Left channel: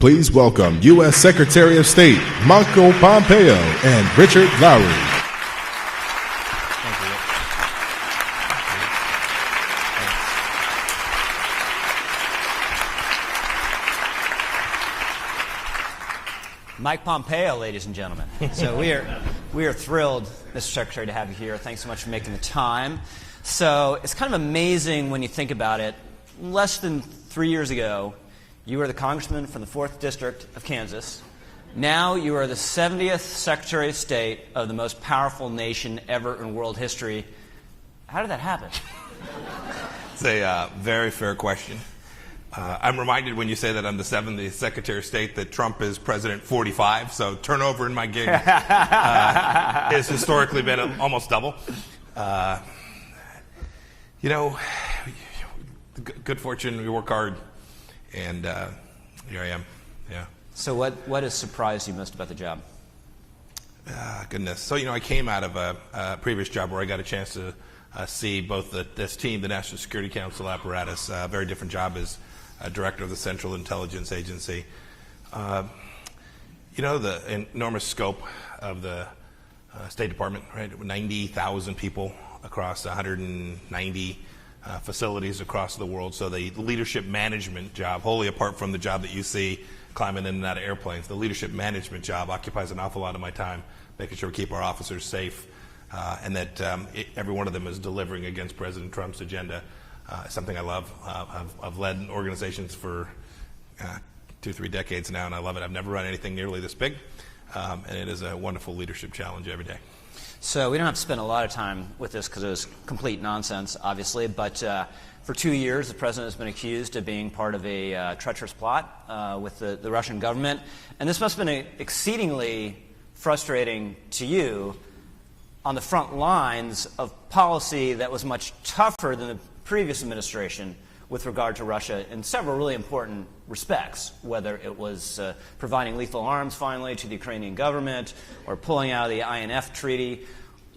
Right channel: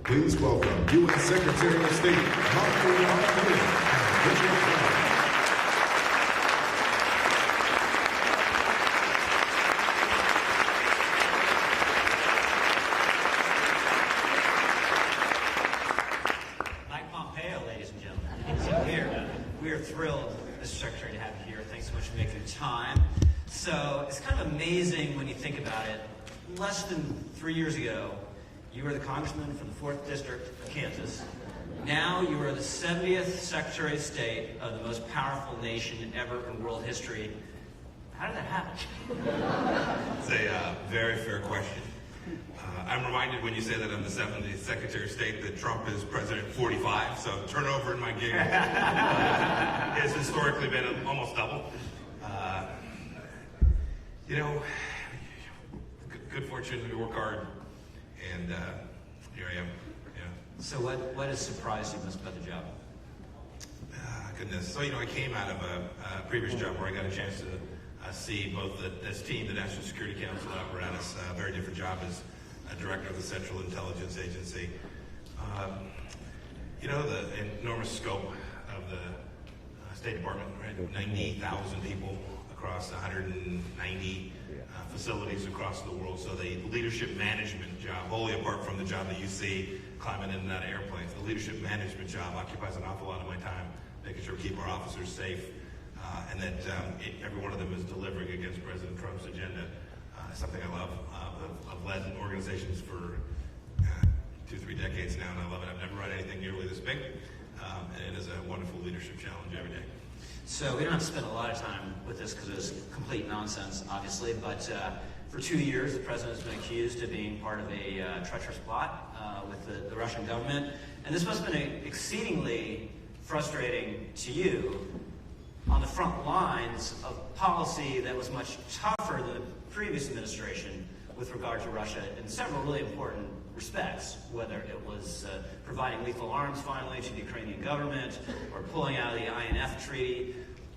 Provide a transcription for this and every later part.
Please welcome U.S. Secretary of State Mike Pompeo and Richard Lowry. Mike Pompeo, ladies and gentlemen. So we are thrilled, Mr. Secretary, to have you here. Thanks so much for making the time. So it's kind of amazing when you think about it. Less than 3 years ago, you were the congressman from the 4th District of Kansas. Now you are the 70th Secretary of State of the most powerful nation ever in world history. How did that happen? It's a very fair question. I'm reminded when you say that I'm the 70th Secretary of State that Trump is President 45, so turnover in my gig has historically been almost double. Good fortune, we work hard, and here I am. Yeah. So what has surprised you most about the job? Goodness. So, I came out of a previous job where I got a chance to see both this team, the National Security Council apparatus, a very different job as Director of the Central Intelligence Agency. The enormous scope of the State Department, right? With 90,000 people across 190 facilities across the world. So the leadership management job, wholly apart from the job that you see climbing in and out of airplanes, the leadership management job occupies an awful lot of my time, making sure we keep our officers safe and that every one of them is delivering against President Trump's agenda. Something I love. I've led organizations for 2-3 decades now, and I love it. I've never run anything nearly this big, and it is a wonderful leadership challenge every day. So we don't have to spend a lot of time with this because it was complete nonsense, obviously, but for 2 years the president has been accused of being part of a treacherous plot with the Russian government, and this must have been exceedingly frustrating to you on the front lines of policy that was much tougher than the previous administration with regard to Russia in several really important respects, whether it was providing lethal arms finally to the Ukrainian government or pulling out of the INF treaty.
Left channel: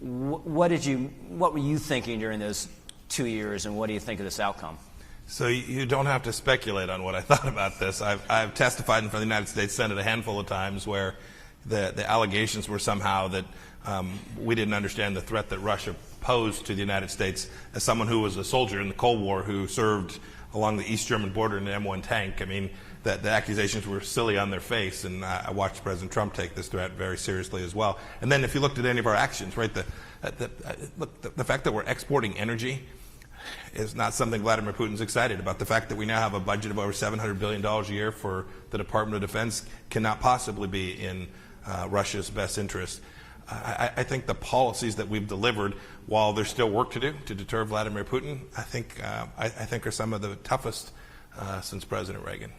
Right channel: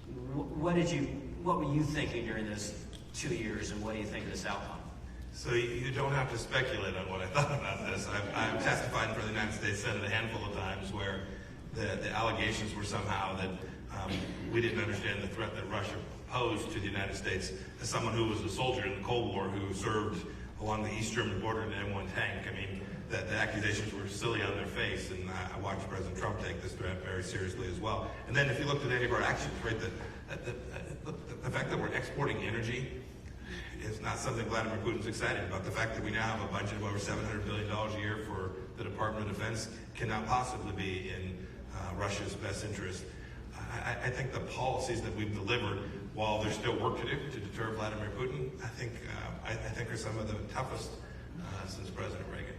What were you thinking during those 2 years, and what do you think of this outcome? So you don't have to speculate on what I thought about this. I've testified in front of the United States Senate a handful of times where the allegations were somehow that we didn't understand the threat that Russia posed to the United States as someone who was a soldier in the Cold War who served along the East German border in an M1 tank. I mean, the accusations were silly on their face, and I watched President Trump take this threat very seriously as well. And then if you looked at any of our actions, right, the fact that we're exporting energy is not something Vladimir Putin's excited about. The fact that we now have a budget of over $700 billion a year for the Department of Defense cannot possibly be in Russia's best interest. I think the policies that we've delivered, while there's still work to do to deter Vladimir Putin, I think are some of the toughest since President Reagan.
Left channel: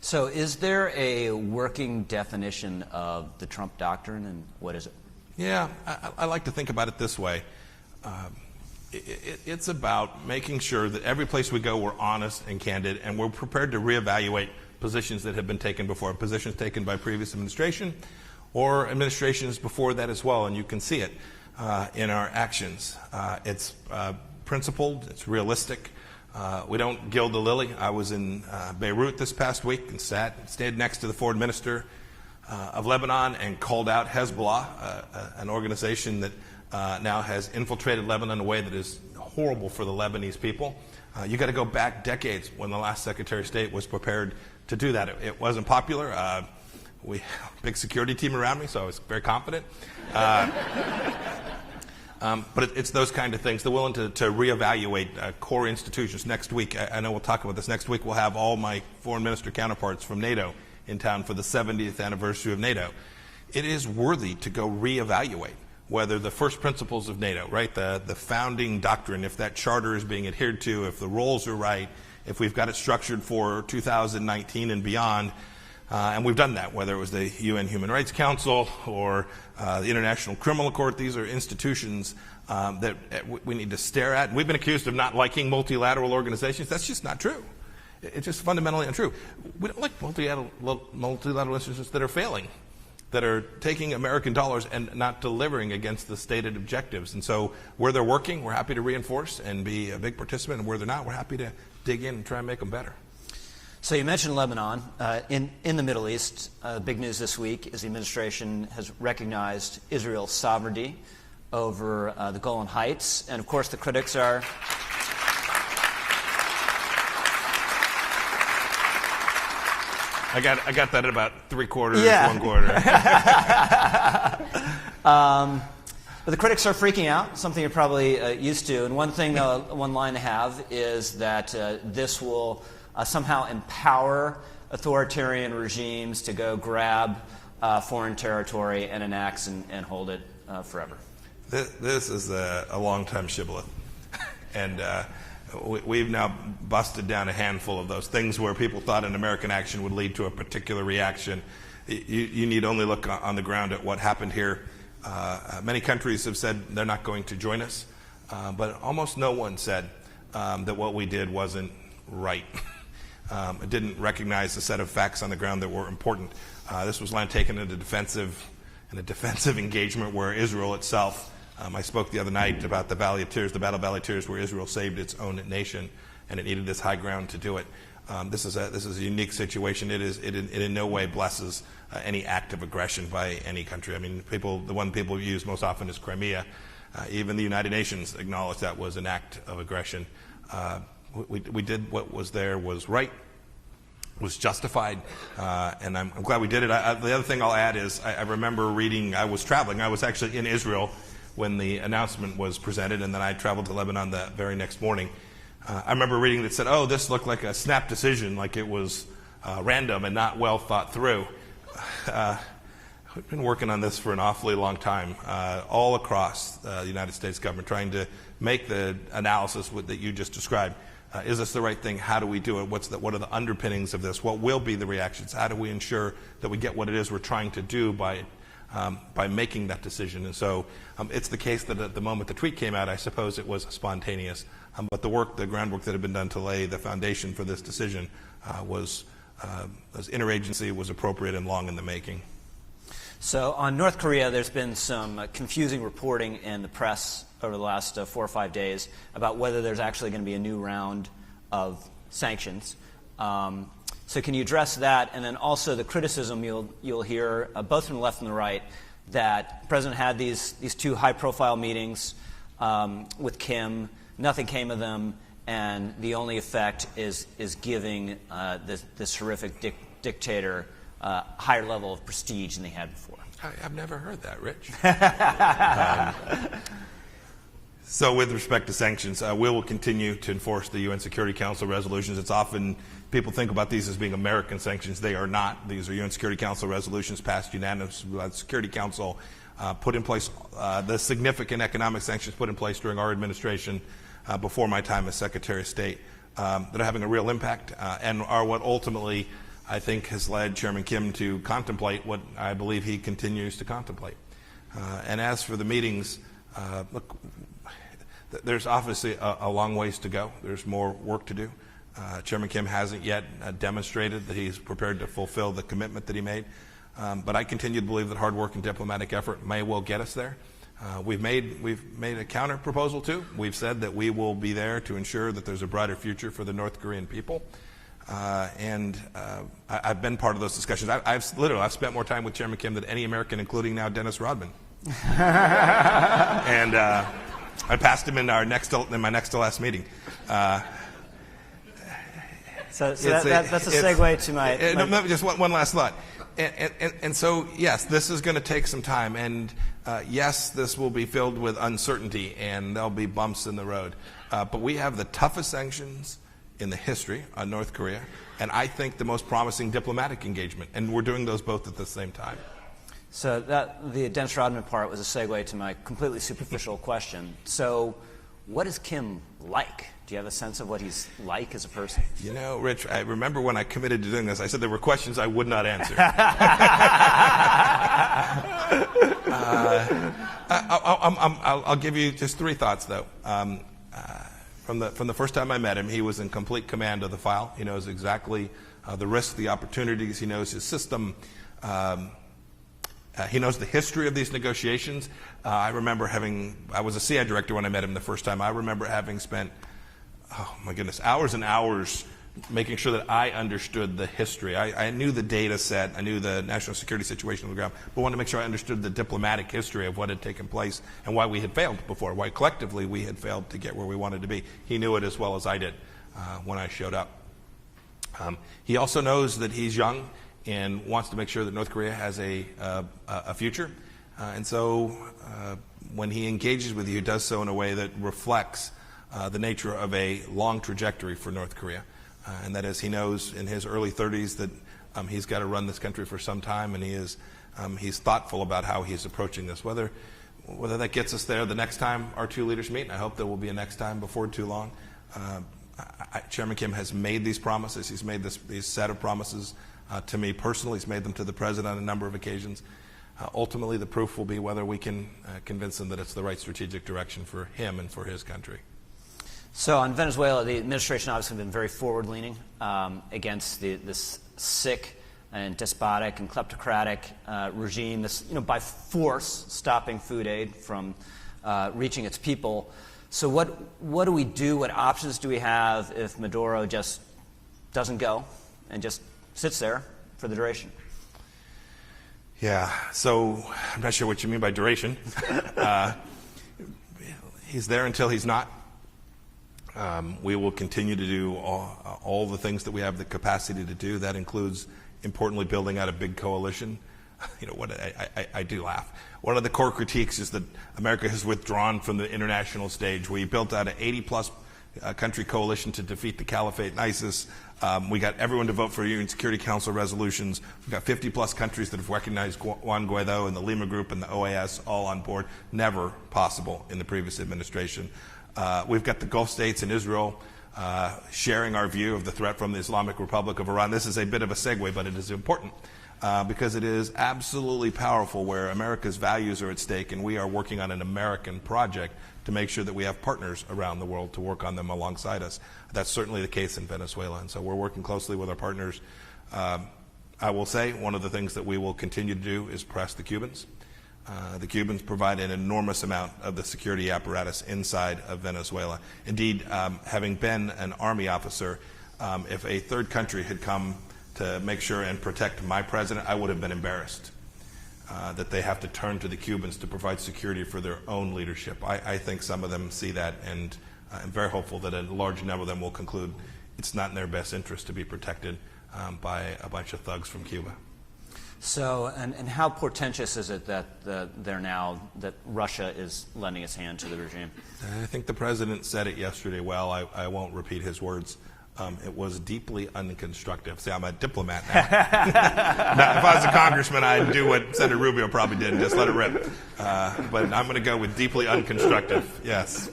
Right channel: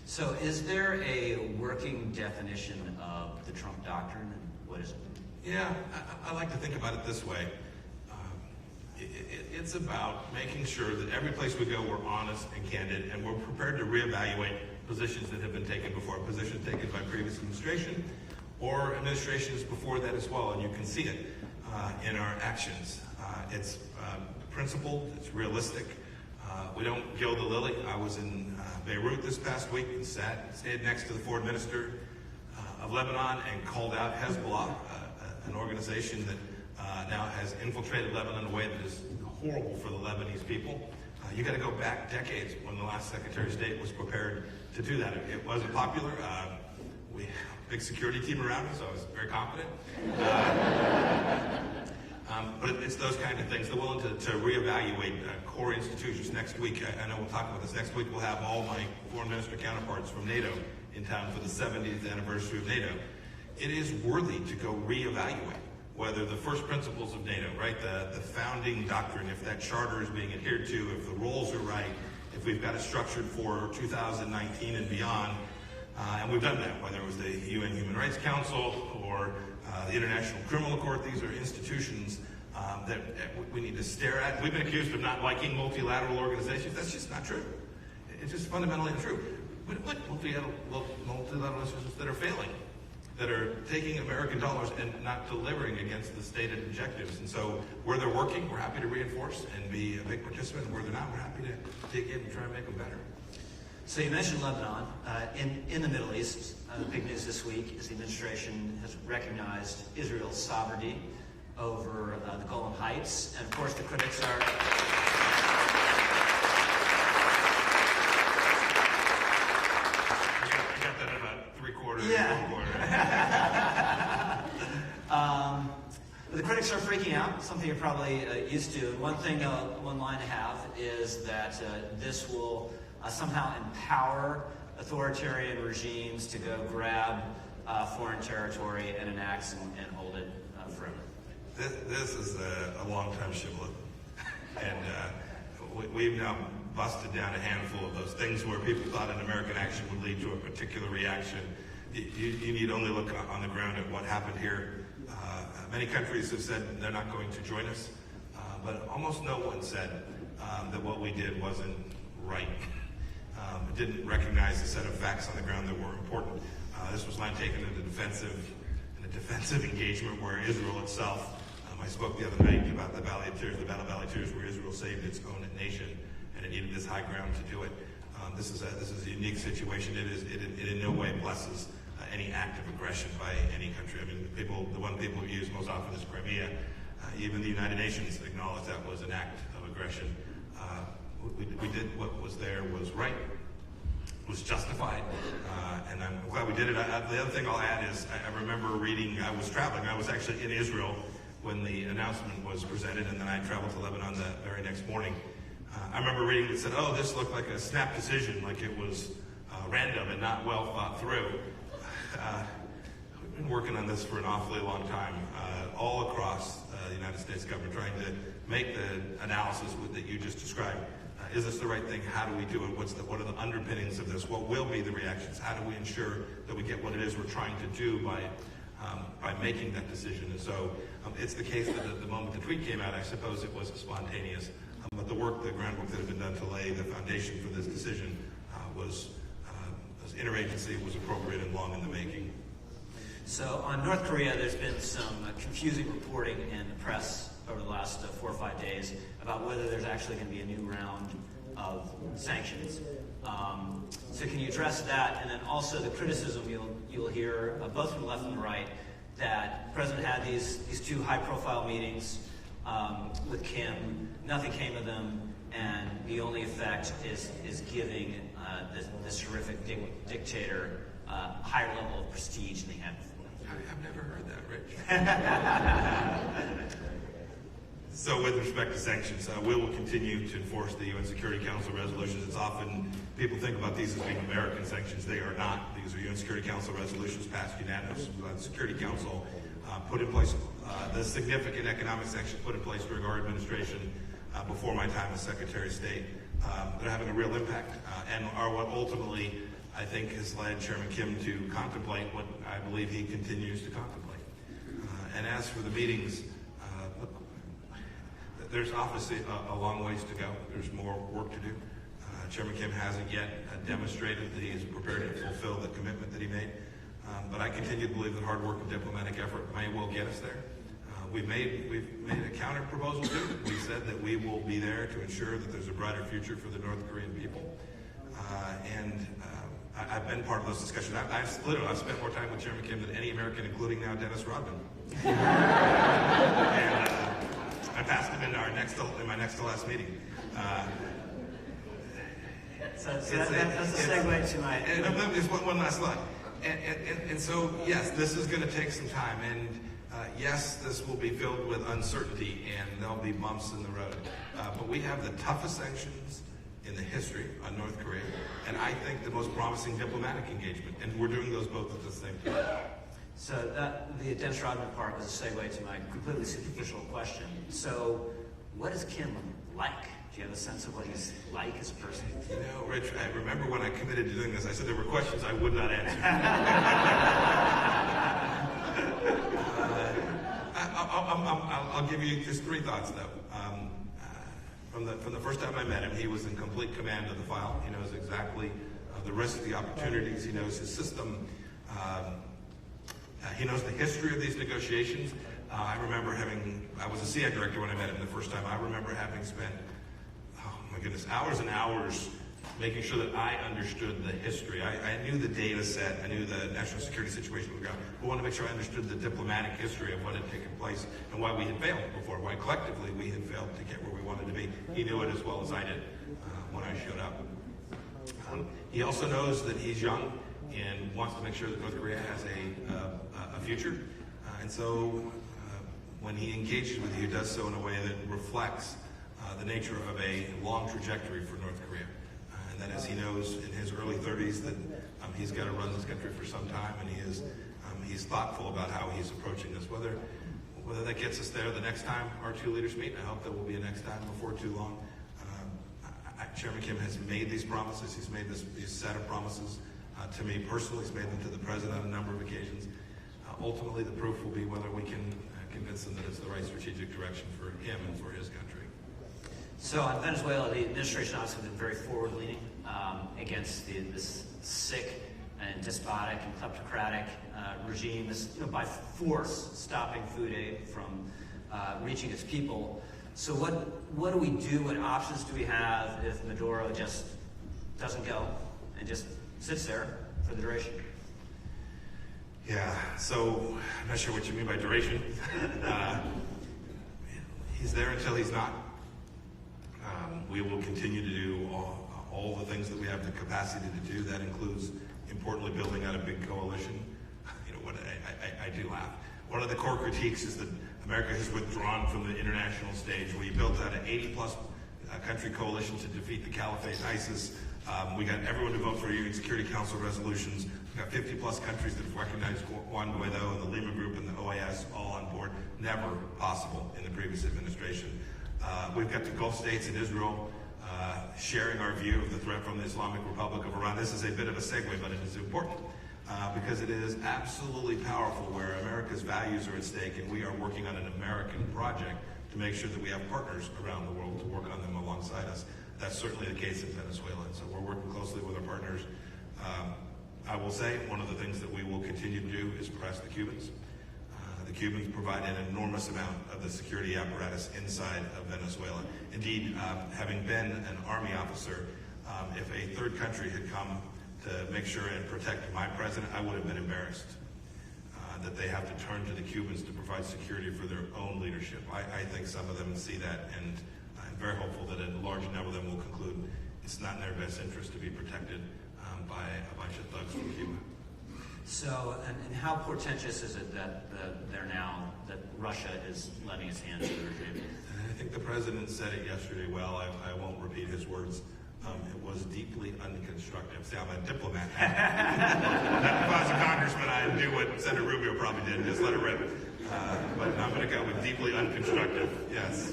So is there a working definition of the Trump doctrine, and what is it? Yeah, I like to think about it this way. It's about making sure that every place we go we're honest and candid, and we're prepared to reevaluate positions that have been taken before, positions taken by previous administration or administrations before that as well, and you can see it in our actions. It's principled, it's realistic. We don't gild the lily. I was in Beirut this past week and stayed next to the foreign minister of Lebanon and called out Hezbollah, an organization that now has infiltrated Lebanon in a way that is horrible for the Lebanese people. You got to go back decades when the last Secretary of State was prepared to do that. It wasn't popular. We big security team around me, so I was very confident. But it's those kind of things. They're willing to reevaluate core institutions. Next week, I know we'll talk about this. Next week, we'll have all my foreign minister counterparts from NATO in town for the 70th anniversary of NATO. It is worthy to go reevaluate whether the first principles of NATO, right, the founding doctrine, if that charter is being adhered to, if the roles are right, if we've got it structured for 2019 and beyond. And we've done that, whether it was the UN Human Rights Council or the International Criminal Court. These are institutions that we need to stare at. We've been accused of not liking multilateral organizations. That's just not true. It's just fundamentally untrue. We don't like multilateral institutions that are failing, that are taking American dollars and not delivering against the stated objectives. And so where they're working, we're happy to reinforce and be a big participant. And where they're not, we're happy to dig in and try and make them better. So you mentioned Lebanon. In the Middle East, the big news this week is the administration has recognized Israel's sovereignty over the Golan Heights. And of course, the critics are... I got that at about 3/4, Yeah. 1/4. But the critics are freaking out, something you're probably used to. And one line I have is that this will somehow empower authoritarian regimes to go grab foreign territory and annex and hold it forever. This is a long-time shibboleth. And we've now busted down a handful of those things where people thought an American action would lead to a particular reaction. You need only look on the ground at what happened here. Many countries have said they're not going to join us, but almost no one said that what we did wasn't right. It didn't recognize the set of facts on the ground that were important. This was land taken in a defensive engagement where Israel itself, I spoke the other night about the Valley of Tears, the Battle of Valley of Tears, where Israel saved its own nation, and it needed this high ground to do it. This is a unique situation. It in no way blesses any act of aggression by any country. I mean, the one people use most often is Crimea. Even the United Nations acknowledged that was an act of aggression. We did what was there was right, was justified, and I'm glad we did it. The other thing I'll add is I remember reading, I was traveling, I was actually in Israel when the announcement was presented, and then I traveled to Lebanon the very next morning. I remember reading that said, oh, this looked like a snap decision, like it was random and not well thought through. We've been working on this for an awfully long time, all across the United States government, trying to make the analysis that you just described. Is this the right thing? How do we do it? What are the underpinnings of this? What will be the reactions? How do we ensure that we get what it is we're trying to do by making that decision? And so it's the case that at the moment the tweet came out, I suppose it was spontaneous. But the groundwork that had been done to lay the foundation for this decision was interagency, was appropriate and long in the making. So on North Korea, there's been some confusing reporting in the press over the last 4 or 5 days about whether there's actually going to be a new round of sanctions. So can you address that? And then also the criticism you'll hear, both from the left and the right, that the president had these two high-profile meetings with Kim. Nothing came of them, and the only effect is giving this horrific dictator a higher level of prestige than they had before. I've never heard that, Rich. So with respect to sanctions, we will continue to enforce the UN Security Council resolutions. It's often, people think about these as being American sanctions. They are not. These are UN Security Council resolutions passed unanimously by the Security Council, put in place, the significant economic sanctions put in place during our administration before my time as Secretary of State that are having a real impact and are what ultimately I think has led Chairman Kim to contemplate what I believe he continues to contemplate. And as for the meetings, look, there's obviously a long ways to go. There's more work to do. Chairman Kim hasn't yet demonstrated that he's prepared to fulfill the commitment that he made. But I continue to believe that hard work and diplomatic effort may well get us there. We've made a counter proposal too. We've said that we will be there to ensure that there's a brighter future for the North Korean people. I've been part of those discussions. I've spent more time with Chairman Kim than any American, including now Dennis Rodman. And I passed him in my next to last meeting. So that's a segue to my... Just one last thought. And so, yes, this is going to take some time. And yes, this will be filled with uncertainty, and there'll be bumps in the road. But we have the toughest sanctions in the history on North Korea, and I think the most promising diplomatic engagement. And we're doing those both at the same time. So the Dennis Rodman part was a segue to my completely superficial question. So what is Kim like? Do you have a sense of what he's like as a person? You know, Rich, I remember when I committed to doing this, I said there were questions I would not answer. I'll give you just 3 thoughts, though. From the first time I met him, he was in complete command of the file. He knows exactly the risks, the opportunities. He knows his system. He knows the history of these negotiations. I remember I was a CI director when I met him the first time. I remember having spent, oh my goodness, hours and hours making sure that I understood the history. I knew the data set, I knew the national security situation on the ground, but wanted to make sure I understood the diplomatic history of what had taken place and why we had failed before, why collectively we had failed to get where we wanted to be. He knew it as well as I did when I showed up. He also knows that he's young and wants to make sure that North Korea has a future. And so when he engages with you, he does so in a way that reflects the nature of a long trajectory for North Korea. And that is, he knows in his early 30s that he's got to run this country for some time, and he's thoughtful about how he's approaching this. Whether that gets us there the next time our two leaders meet, and I hope there will be a next time before too long. Chairman Kim has made these promises. He's made these set of promises to me personally. He's made them to the president on a number of occasions. Ultimately, the proof will be whether we can convince him that it's the right strategic direction for him and for his country. So on Venezuela, the administration obviously has been very forward-leaning against this sick and despotic and kleptocratic regime, this, by force stopping food aid from reaching its people. So what do we do? What options do we have if Maduro just doesn't go and just sits there for the duration? Yeah, so I'm not sure what you mean by duration. He's there until he's not. We will continue to do all the things that we have the capacity to do. That includes, importantly, building out a big coalition. I do laugh. One of the core critiques is that America has withdrawn from the international stage. We built out an 80-plus country coalition to defeat the Caliphate and ISIS. We got everyone to vote for UN Security Council resolutions. We've got 50-plus countries that have recognized Juan Guaido and the Lima Group and the OAS all on board. Never possible in the previous administration. We've got the Gulf states and Israel sharing our view of the threat from the Islamic Republic of Iran. This is a bit of a segue, but it is important because it is absolutely powerful where America's values are at stake, and we are working on an American project to make sure that we have partners around the world to work on them alongside us. That's certainly the case in Venezuela, and so we're working closely with our partners. I will say one of the things that we will continue to do is press the Cubans. The Cubans provide an enormous amount of the security apparatus inside of Venezuela. Indeed, having been an Army officer, if a third country had come to make sure and protect my president, I would have been embarrassed that they have to turn to the Cubans to provide security for their own leadership. I think some of them see that, and I'm very hopeful that a large number of them will conclude it's not in their best interest to be protected by a bunch of thugs from Cuba. So, and how portentous is it that that Russia is lending its hand to the regime? I think the president said it yesterday well. I won't repeat his words. It was deeply unconstructive. See, I'm a diplomat now. Now, if I was a congressman, I'd do what Senator Rubio probably did and just let it rip. But I'm going to go with deeply unconstructive, yes.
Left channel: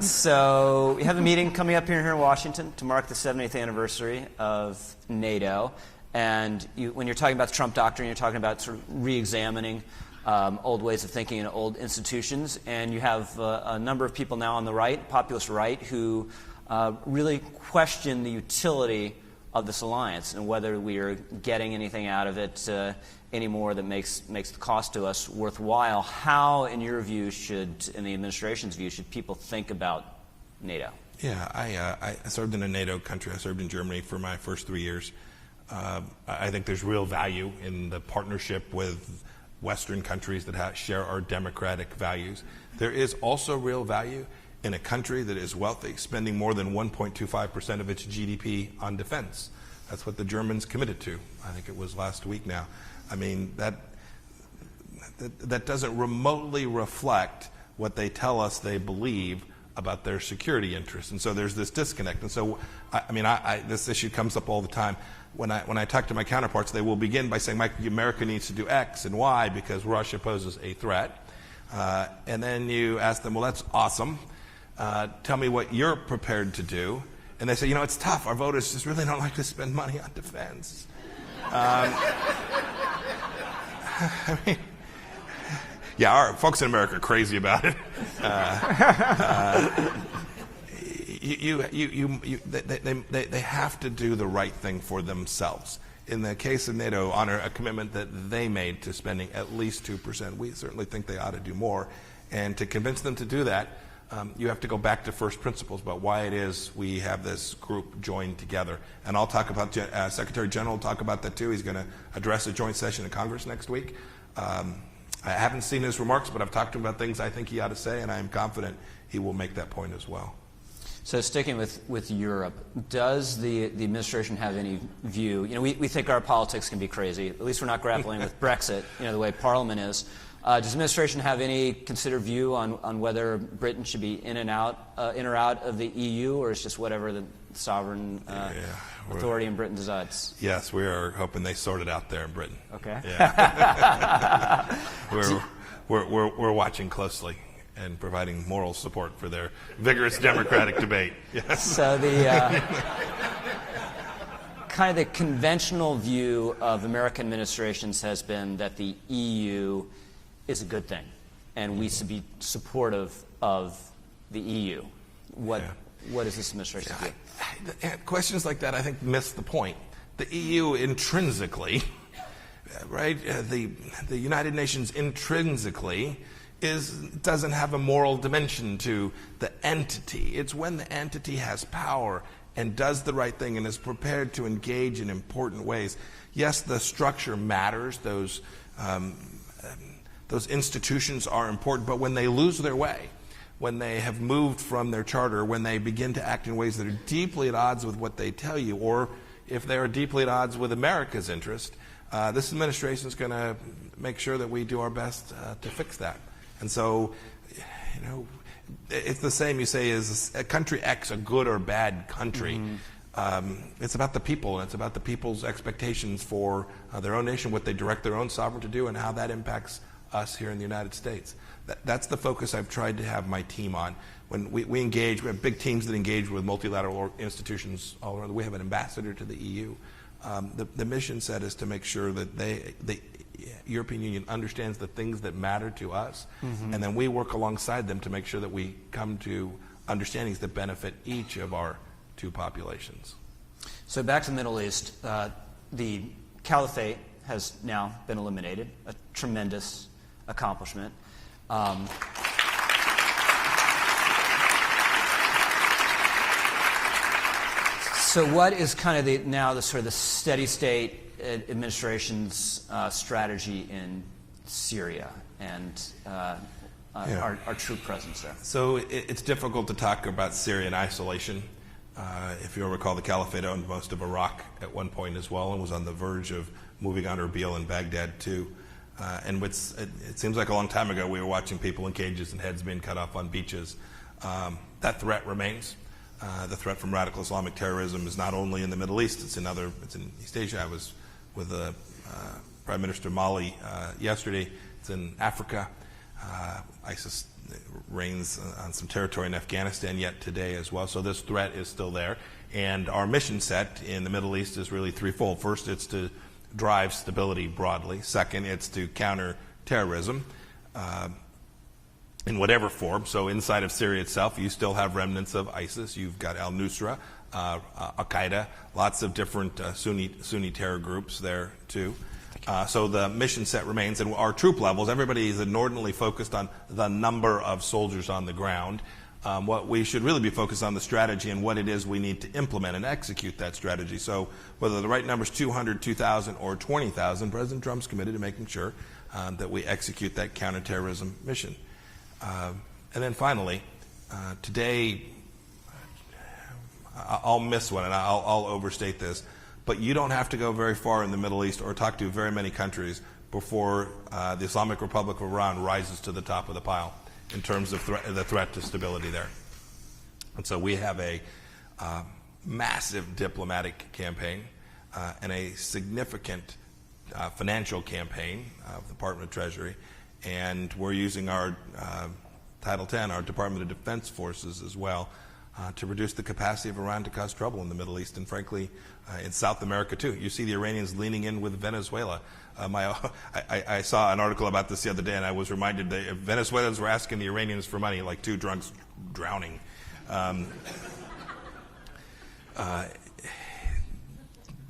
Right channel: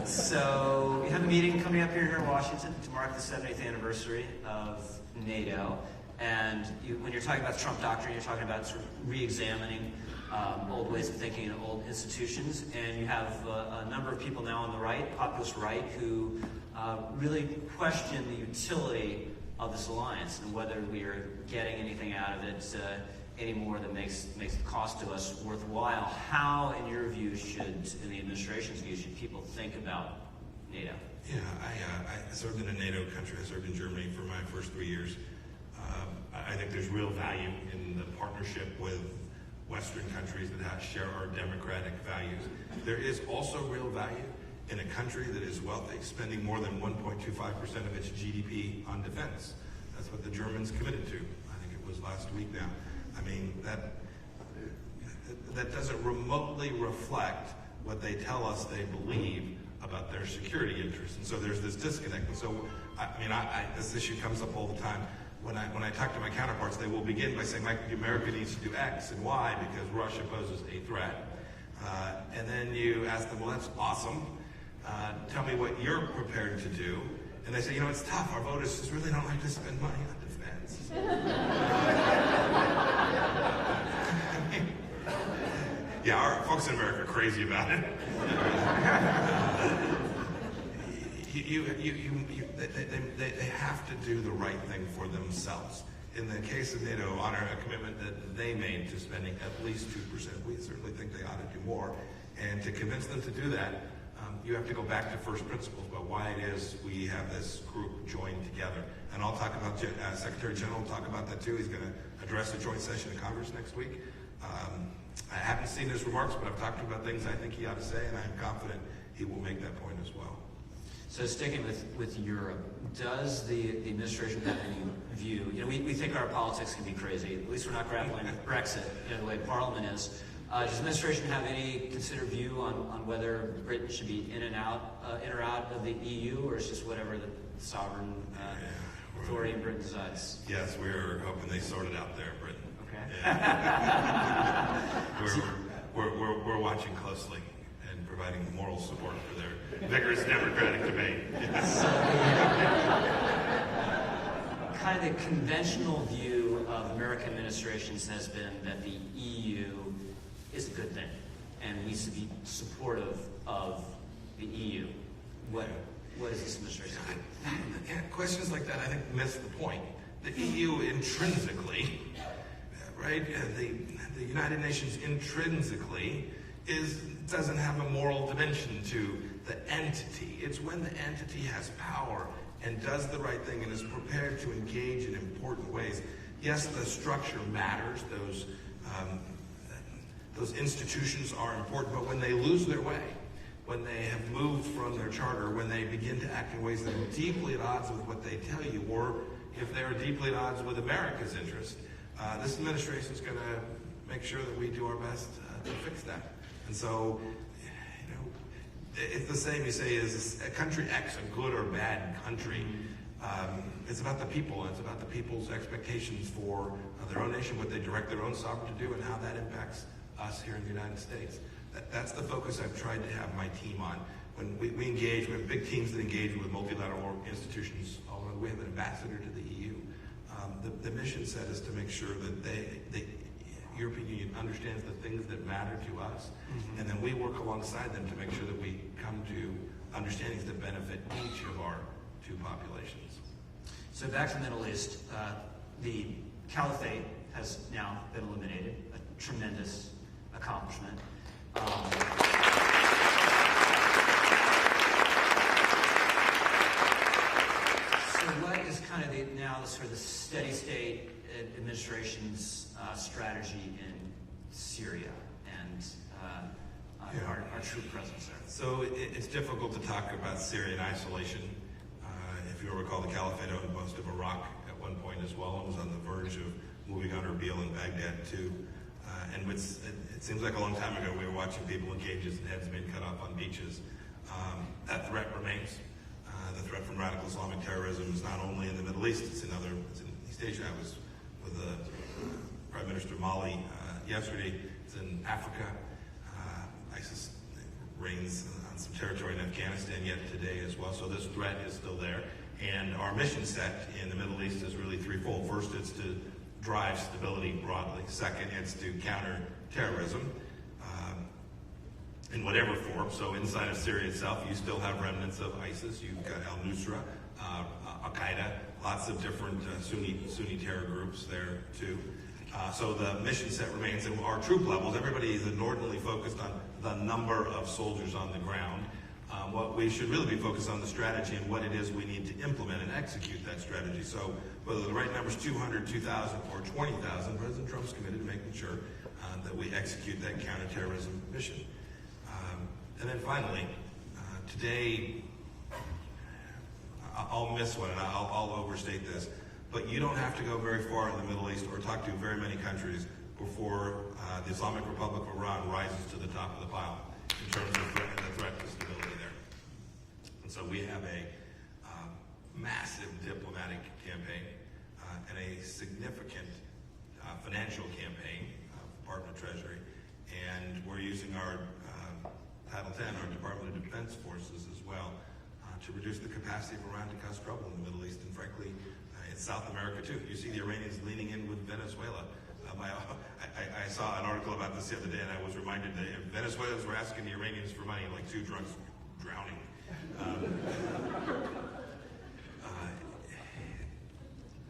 So we have a meeting coming up here in Washington to mark the 70th anniversary of NATO. And when you're talking about the Trump doctrine, you're talking about sort of re-examining old ways of thinking and old institutions. And you have a number of people now on the right, populist right, who really question the utility of this alliance and whether we are getting anything out of it anymore that makes the cost to us worthwhile. How, in your view, in the administration's view, should people think about NATO? Yeah, I served in a NATO country. I served in Germany for my first 3 years. I think there's real value in the partnership with Western countries that share our democratic values. There is also real value in a country that is wealthy, spending more than 1.25% of its GDP on defense. That's what the Germans committed to. I think it was last week now. I mean, that doesn't remotely reflect what they tell us they believe about their security interests. And so there's this disconnect. And so, this issue comes up all the time. When I talk to my counterparts, they will begin by saying, Mike, America needs to do X and Y because Russia poses a threat. And then you ask them, well, that's awesome. Tell me what you're prepared to do. And they say, it's tough. Our voters just really don't like to spend money on defense. Our folks in America are crazy about it. They have to do the right thing for themselves. In the case of NATO, honor a commitment that they made to spending at least 2%. We certainly think they ought to do more. And to convince them to do that, you have to go back to first principles about why it is we have this group joined together. And I'll talk about, Secretary General will talk about that too. He's going to address a joint session in Congress next week. I haven't seen his remarks, but I've talked to him about things I think he ought to say, and I'm confident he will make that point as well. So sticking with Europe, does the administration have any view? We think our politics can be crazy. At least we're not grappling with Brexit, the way Parliament is. Does the administration have any considered view on whether Britain should be in or out of the EU, or is just whatever the sovereign authority in Britain decides? Yes, we are hoping they sort it out there in Britain. Okay. Yeah. we're watching closely and providing moral support for their vigorous democratic debate. Yes. So the kind of the conventional view of American administrations has been that the EU is a good thing, and we should be supportive of the EU. What does this administration do? Questions like that, I think, miss the point. The EU intrinsically, right? The United Nations intrinsically doesn't have a moral dimension to the entity. It's when the entity has power and does the right thing and is prepared to engage in important ways. Yes, the structure matters. Those institutions are important, but when they lose their way, when they have moved from their charter, when they begin to act in ways that are deeply at odds with what they tell you, or if they are deeply at odds with America's interest, this administration is going to make sure that we do our best to fix that. And so, it's the same. You say, is a country X a good or bad country? Mm-hmm. It's about the people, and it's about the people's expectations for their own nation, what they direct their own sovereign to do, and how that impacts us here in the United States. That's the focus I've tried to have my team on. When we engage, we have big teams that engage with multilateral institutions all around. We have an ambassador to the EU. The mission set is to make sure that the European Union understands the things that matter to us, mm-hmm. and then we work alongside them to make sure that we come to understandings that benefit each of our two populations. So back to the Middle East, the caliphate has now been eliminated, a tremendous accomplishment. So what is kind of the sort of the steady state administration's strategy in Syria and our troop presence there? So it's difficult to talk about Syria in isolation. If you'll recall, the caliphate owned most of Iraq at one point as well, and was on the verge of moving on Erbil and Baghdad too. And it seems like a long time ago we were watching people in cages and heads being cut off on beaches. That threat remains. The threat from radical Islamic terrorism is not only in the Middle East, it's in East Asia. I was with the Prime Minister of Mali yesterday. It's in Africa. ISIS reigns on some territory in Afghanistan yet today as well. So this threat is still there. And our mission set in the Middle East is really threefold. First, it's to drive stability broadly. Second, it's to counter terrorism in whatever form. So inside of Syria itself, you still have remnants of ISIS. You've got al-Nusra, Al-Qaeda, lots of different Sunni terror groups there too. So the mission set remains, and our troop levels, everybody is inordinately focused on the number of soldiers on the ground. What we should really be focused on the strategy and what it is we need to implement and execute that strategy. So whether the right number is 200, 2,000, or 20,000, President Trump's committed to making sure that we execute that counterterrorism mission. And then finally, today, I'll miss one and I'll overstate this, but you don't have to go very far in the Middle East or talk to very many countries before the Islamic Republic of Iran rises to the top of the pile in terms of the threat to stability there. And so we have a massive diplomatic campaign and a significant financial campaign of the Department of Treasury, and we're using our Title X, our Department of Defense forces as well, to reduce the capacity of Iran to cause trouble in the Middle East and frankly in South America too. You see the Iranians leaning in with Venezuela. I saw an article about this the other day, and I was reminded that Venezuelans were asking the Iranians for money like two drunks drowning.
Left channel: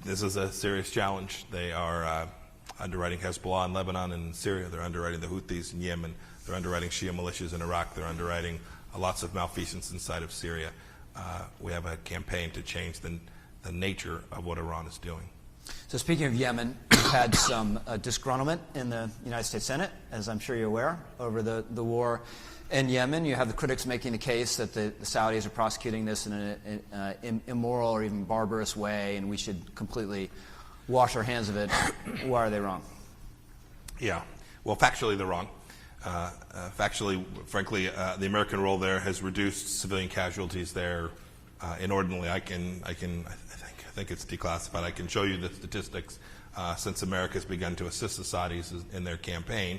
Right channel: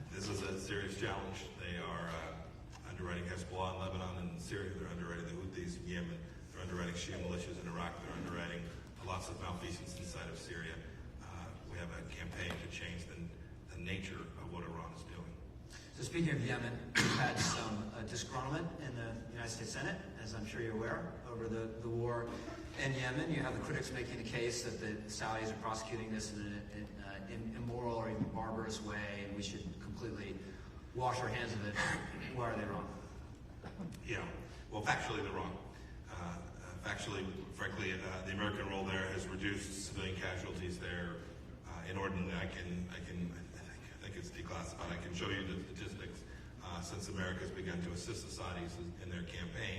This is a serious challenge. They are underwriting Hezbollah in Lebanon and Syria. They're underwriting the Houthis in Yemen. They're underwriting Shia militias in Iraq. They're underwriting lots of malfeasance inside of Syria. We have a campaign to change the nature of what Iran is doing. So speaking of Yemen, we've had some disgruntlement in the United States Senate, as I'm sure you're aware, over the war in Yemen. You have the critics making the case that the Saudis are prosecuting this in an immoral or even barbarous way, and we should completely wash our hands of it. Why are they wrong? Yeah, well, factually they're wrong. Factually, frankly, the American role there has reduced civilian casualties there inordinately. I think it's declassified. I can show you the statistics since America has begun to assist the Saudis in their campaign.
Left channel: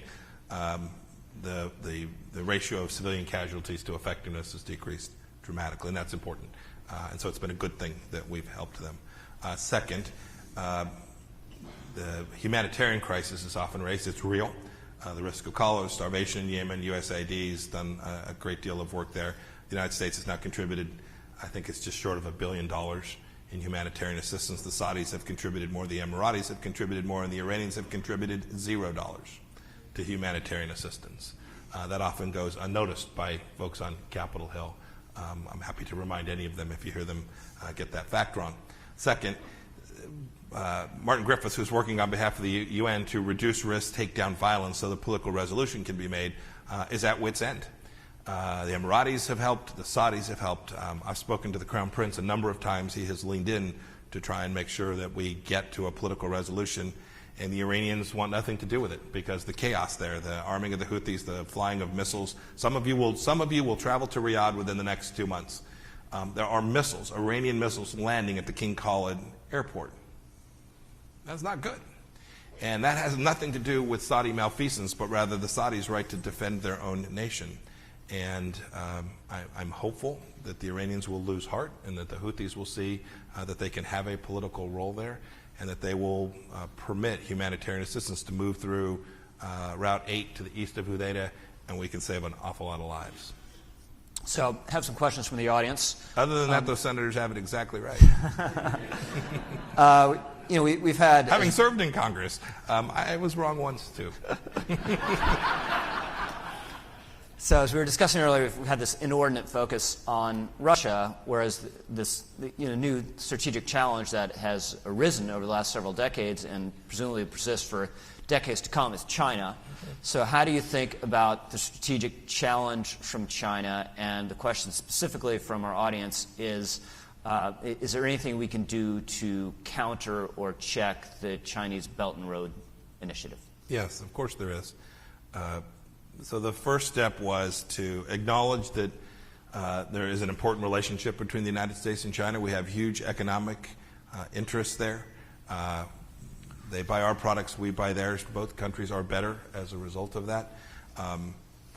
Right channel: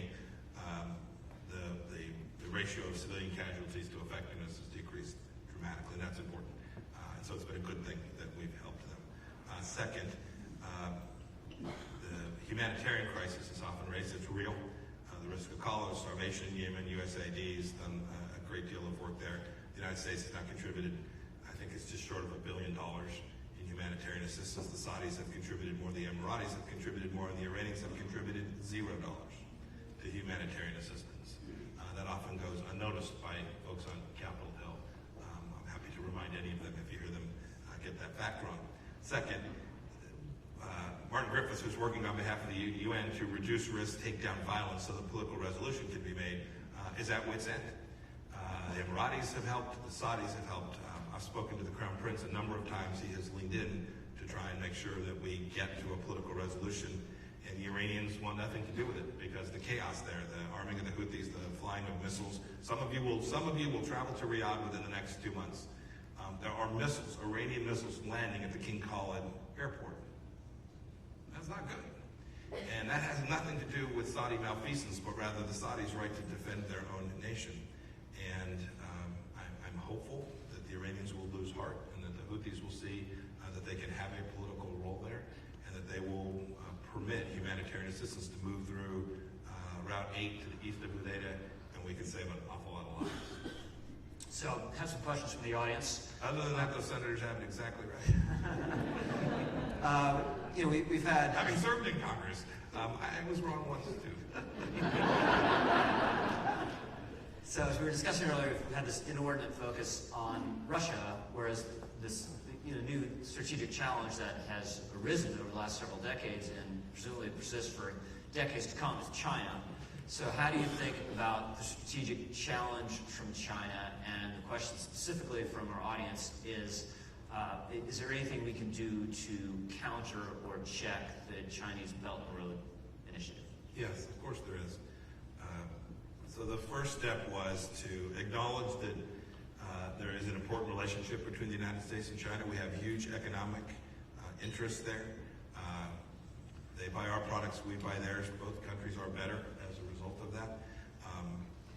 The ratio of civilian casualties to effectiveness has decreased dramatically, and that's important. And so it's been a good thing that we've helped them. Second, the humanitarian crisis is often raised. It's real. The risk of cholera, starvation in Yemen, USAID has done a great deal of work there. The United States has now contributed, I think it's just short of $1 billion in humanitarian assistance. The Saudis have contributed more, the Emiratis have contributed more, and the Iranians have contributed $0 to humanitarian assistance. That often goes unnoticed by folks on Capitol Hill. I'm happy to remind any of them if you hear them get that fact wrong. Second, Martin Griffiths, who's working on behalf of the UN to reduce risk, take down violence so the political resolution can be made, is at wit's end. The Emiratis have helped, the Saudis have helped. I've spoken to the Crown Prince a number of times. He has leaned in to try and make sure that we get to a political resolution, and the Iranians want nothing to do with it because the chaos there, the arming of the Houthis, the flying of missiles. Some of you will travel to Riyadh within the next 2 months. There are missiles, Iranian missiles, landing at the King Khalid airport. That's not good. And that has nothing to do with Saudi malfeasance, but rather the Saudis' right to defend their own nation. And I'm hopeful that the Iranians will lose heart and that the Houthis will see that they can have a political role there and that they will permit humanitarian assistance to move through Route 8 to the east of Hudaydah, and we can save an awful lot of lives. So I have some questions from the audience. Other than that, those senators have it exactly right. We've had... Having served in Congress, I was wrong once, too. So as we were discussing earlier, we've had this inordinate focus on Russia, whereas this new strategic challenge that has arisen over the last several decades and presumably persists for decades to come is China. So how do you think about the strategic challenge from China? And the question specifically from our audience is there anything we can do to counter or check the Chinese Belt and Road Initiative? Yes, of course there is. So the first step was to acknowledge that there is an important relationship between the United States and China. We have huge economic interests there. They buy our products, we buy theirs. Both countries are better as a result of that.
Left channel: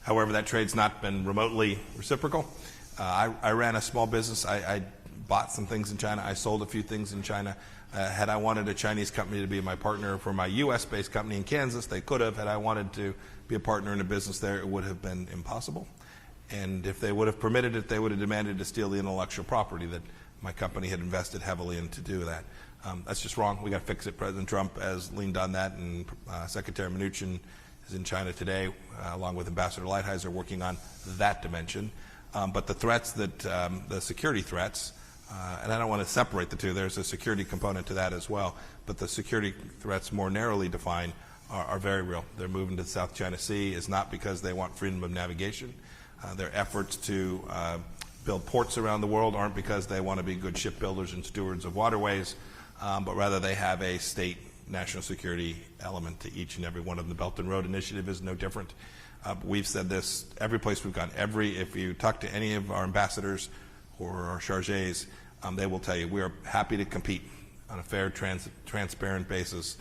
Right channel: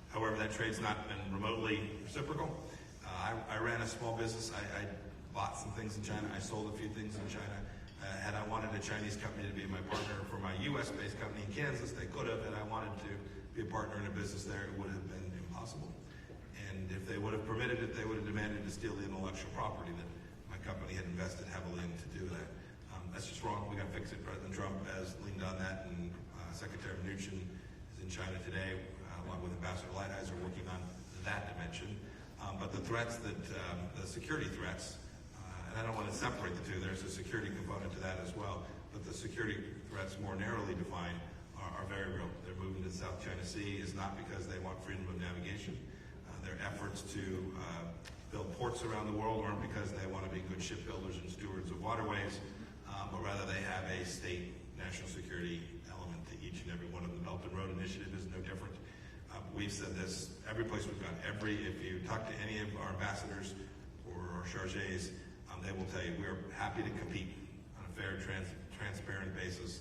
However, that trade's not been remotely reciprocal. I ran a small business. I bought some things in China. I sold a few things in China. Had I wanted a Chinese company to be my partner for my U.S.-based company in Kansas, they could have. Had I wanted to be a partner in a business there, it would have been impossible. And if they would have permitted it, they would have demanded to steal the intellectual property that my company had invested heavily in to do that. That's just wrong. We got to fix it. President Trump has leaned on that, and Secretary Mnuchin is in China today, along with Ambassador Lighthizer, working on that dimension. But the threats that, the security threats, and I don't want to separate the two. There's a security component to that as well. But the security threats more narrowly defined are very real. They're moving to the South China Sea is not because they want freedom of navigation. Their efforts to build ports around the world aren't because they want to be good shipbuilders and stewards of waterways, but rather they have a state national security element to each and every one of them. The Belt and Road Initiative is no different. We've said this every place we've gone. If you talk to any of our ambassadors or our chargés, they will tell you we are happy to compete on a fair, transparent basis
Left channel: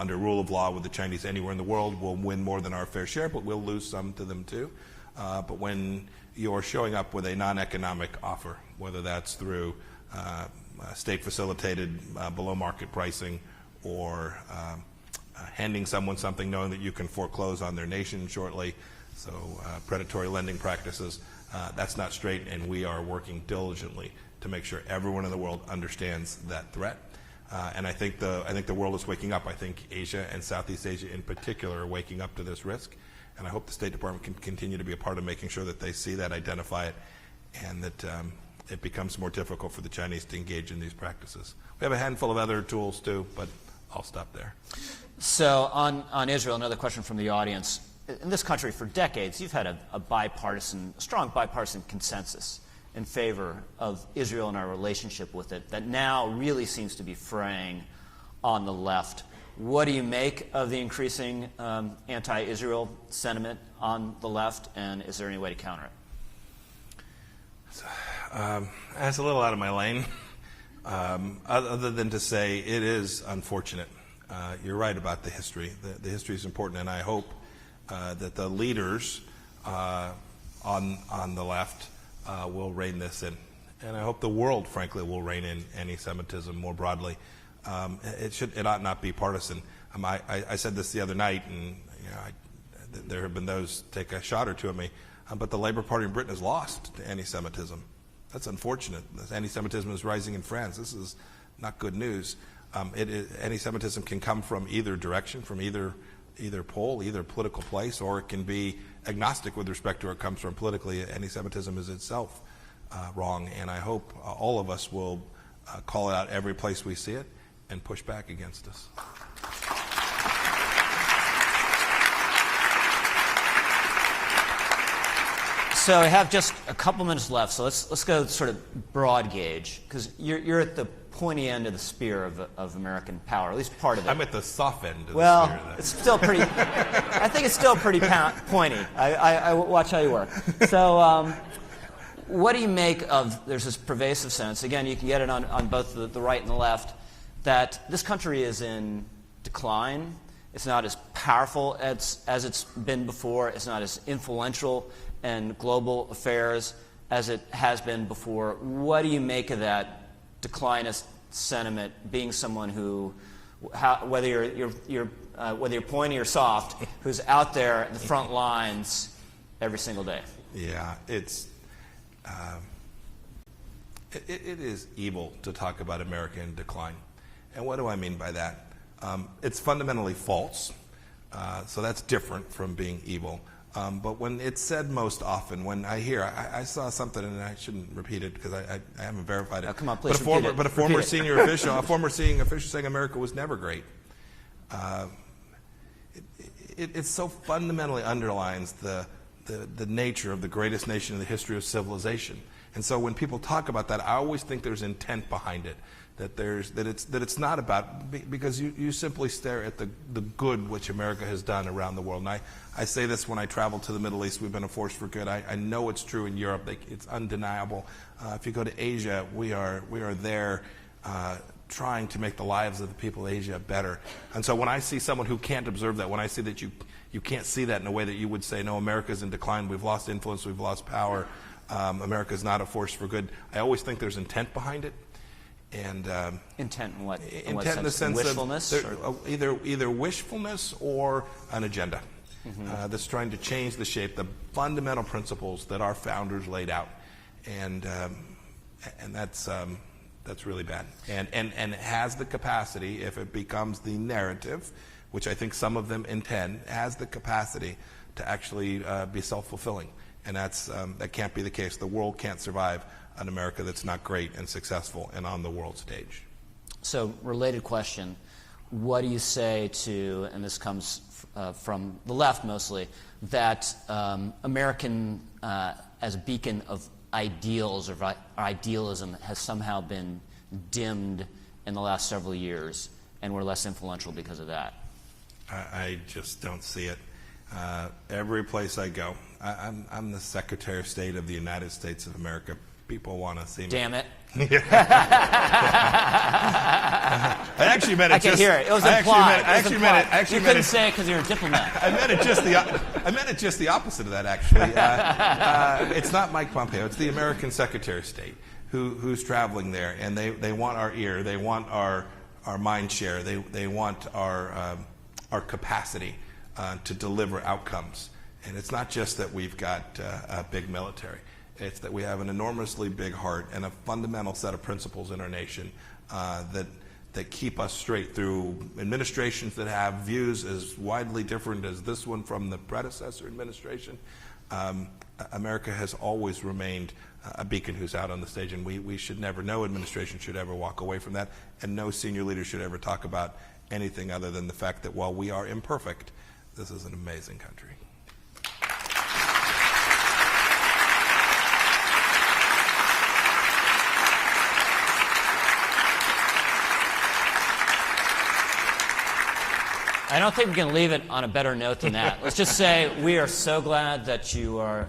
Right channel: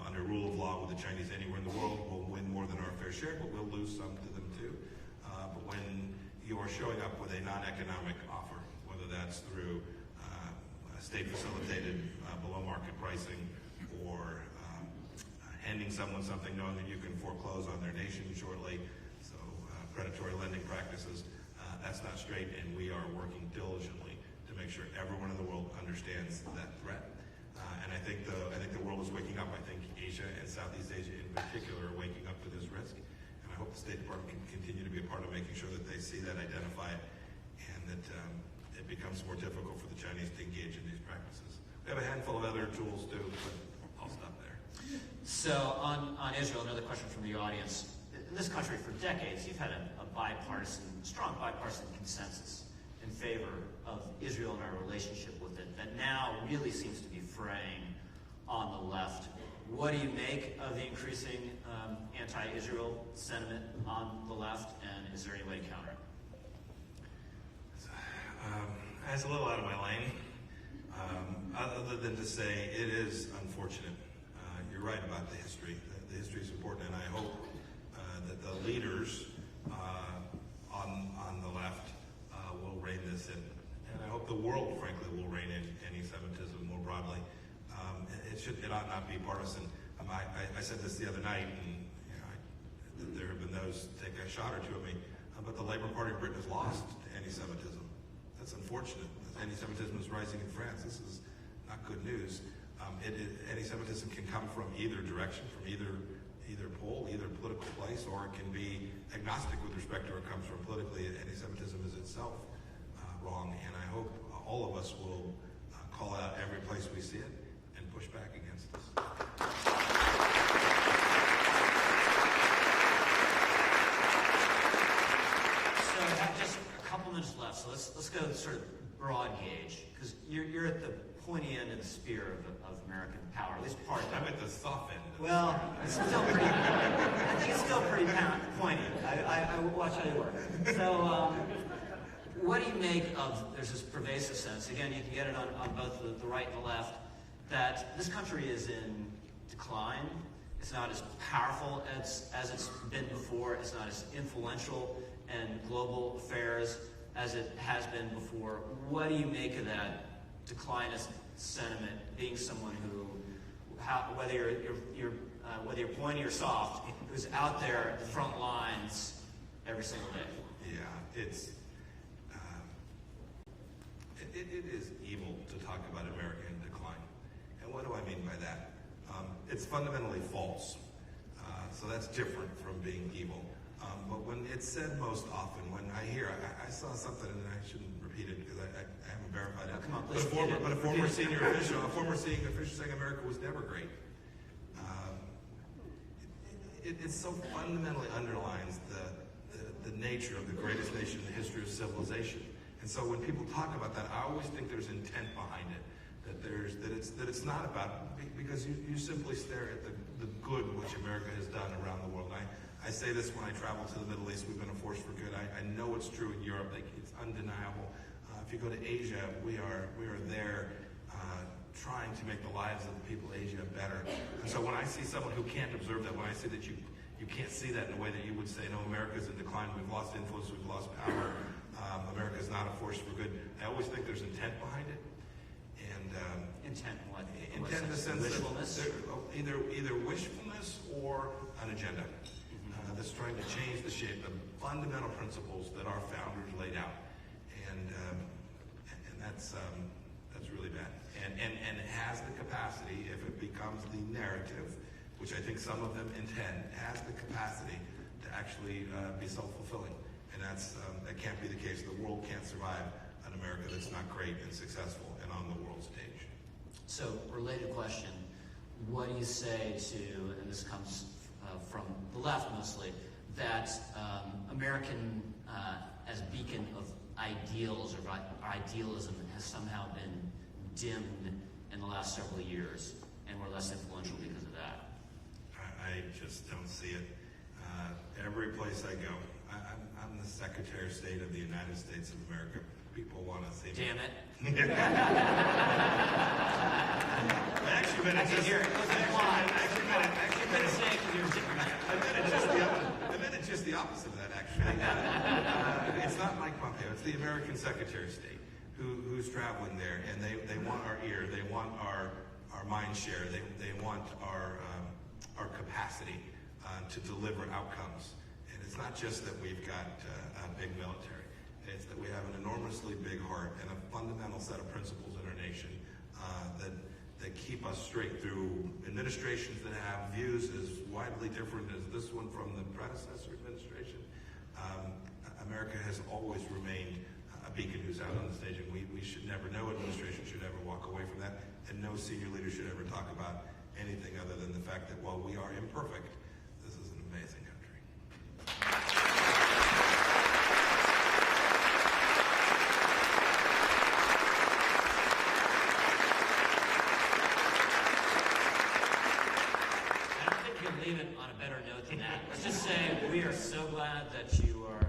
under rule of law with the Chinese anywhere in the world. We'll win more than our fair share, but we'll lose some to them too. But when you're showing up with a non-economic offer, whether that's through state-facilitated below-market pricing or handing someone something knowing that you can foreclose on their nation shortly, so predatory lending practices, that's not straight, and we are working diligently to make sure everyone in the world understands that threat. And I think the world is waking up. I think Asia and Southeast Asia in particular are waking up to this risk. And I hope the State Department can continue to be a part of making sure that they see that, identify it, and that it becomes more difficult for the Chinese to engage in these practices. We have a handful of other tools too, but I'll stop there. So on Israel, another question from the audience. In this country, for decades, you've had a strong bipartisan consensus in favor of Israel and our relationship with it that now really seems to be fraying on the left. What do you make of the increasing anti-Israel sentiment on the left, and is there any way to counter it? That's a little out of my lane, other than to say it is unfortunate. You're right about the history. The history is important, and I hope that the leaders on the left will rein this in. And I hope the world, frankly, will rein in anti-Semitism more broadly. It ought not be partisan. I said this the other night, and there have been those take a shot or two at me, but the Labour Party in Britain has lost to anti-Semitism. That's unfortunate. Anti-Semitism is rising in France. This is not good news. Anti-Semitism can come from either direction, from either pole, either political place, or it can be agnostic with respect to where it comes from politically. Anti-Semitism is itself wrong, and I hope all of us will call it out every place we see it and push back against us. So I have just a couple minutes left, so let's go sort of broad gauge, because you're at the pointy end of the spear of American power, at least part of it. I'm at the soft end of the spear. Well, it's still pretty, I think it's still pretty pointy. I watch how you work. So what do you make of, there's this pervasive sense, again, you can get it on both the right and the left, that this country is in decline. It's not as powerful as it's been before. It's not as influential in global affairs as it has been before. What do you make of that declinist sentiment, being someone who, whether you're pointy or soft, who's out there at the front lines every single day? Yeah, it is evil to talk about America in decline. And what do I mean by that? It's fundamentally false. So that's different from being evil. But when it's said most often, when I saw something, and I shouldn't repeat it because I haven't verified it. Oh, come on, please but a former senior official saying America was never great. It so fundamentally underlines the nature of the greatest nation in the history of civilization. And so when people talk about that, I always think there's intent behind it. That it's not about, because you simply stare at the good which America has done around the world. And I say this when I travel to the Middle East, we've been a force for good. I know it's true in Europe. It's undeniable. If you go to Asia, we are there trying to make the lives of the people of Asia better. And so when I see someone who can't observe that, when I see that you can't see that in a way that you would say, no, America's in decline, we've lost influence, we've lost power, America's not a force for good, I always think there's intent behind it. And intent in what? Intent in the sense wishfulness, of either wishfulness or an agenda that's trying to change the shape, the fundamental principles that our founders laid out, and that's really bad. And it has the capacity, if it becomes the narrative, which I think some of them intend, has the capacity to actually be self-fulfilling, and that can't be the case. The world can't survive an America that's not great and successful and on the world stage. So, related question, what do you say to, and this comes from the left mostly, that American, as a beacon of ideals or idealism, has somehow been dimmed in the last several years, and we're less influential because of that? I just don't see it. Every place I go, I'm the Secretary of State of the United States of America. People want to see me. Damn it. I actually meant it. I can hear it. It was implied. You couldn't say it because you're a diplomat. I meant it just the opposite of that, actually. It's not Mike Pompeo. It's the American Secretary of State who's traveling there, and they want our ear. They want our mind share. They want our capacity to deliver outcomes. And it's not just that we've got a big military. It's that we have an enormously big heart and a fundamental set of principles in our nation that that keep us straight through administrations that have views as widely different as this one from the predecessor administration. America has always remained a beacon who's out on the stage, and we should never, no administration should ever walk away from that, and no senior leader should ever talk about anything other than the fact that while we are imperfect, this is an amazing country. I don't think we can leave it on a better note than that. Let's just say we are so glad that you are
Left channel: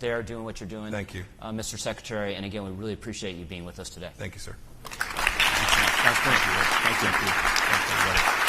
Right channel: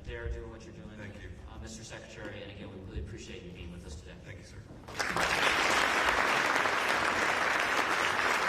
there doing what you're doing. Thank you. Mr. Secretary, and again, we really appreciate you being with us today. Thank you, sir. Thank you. Thank you.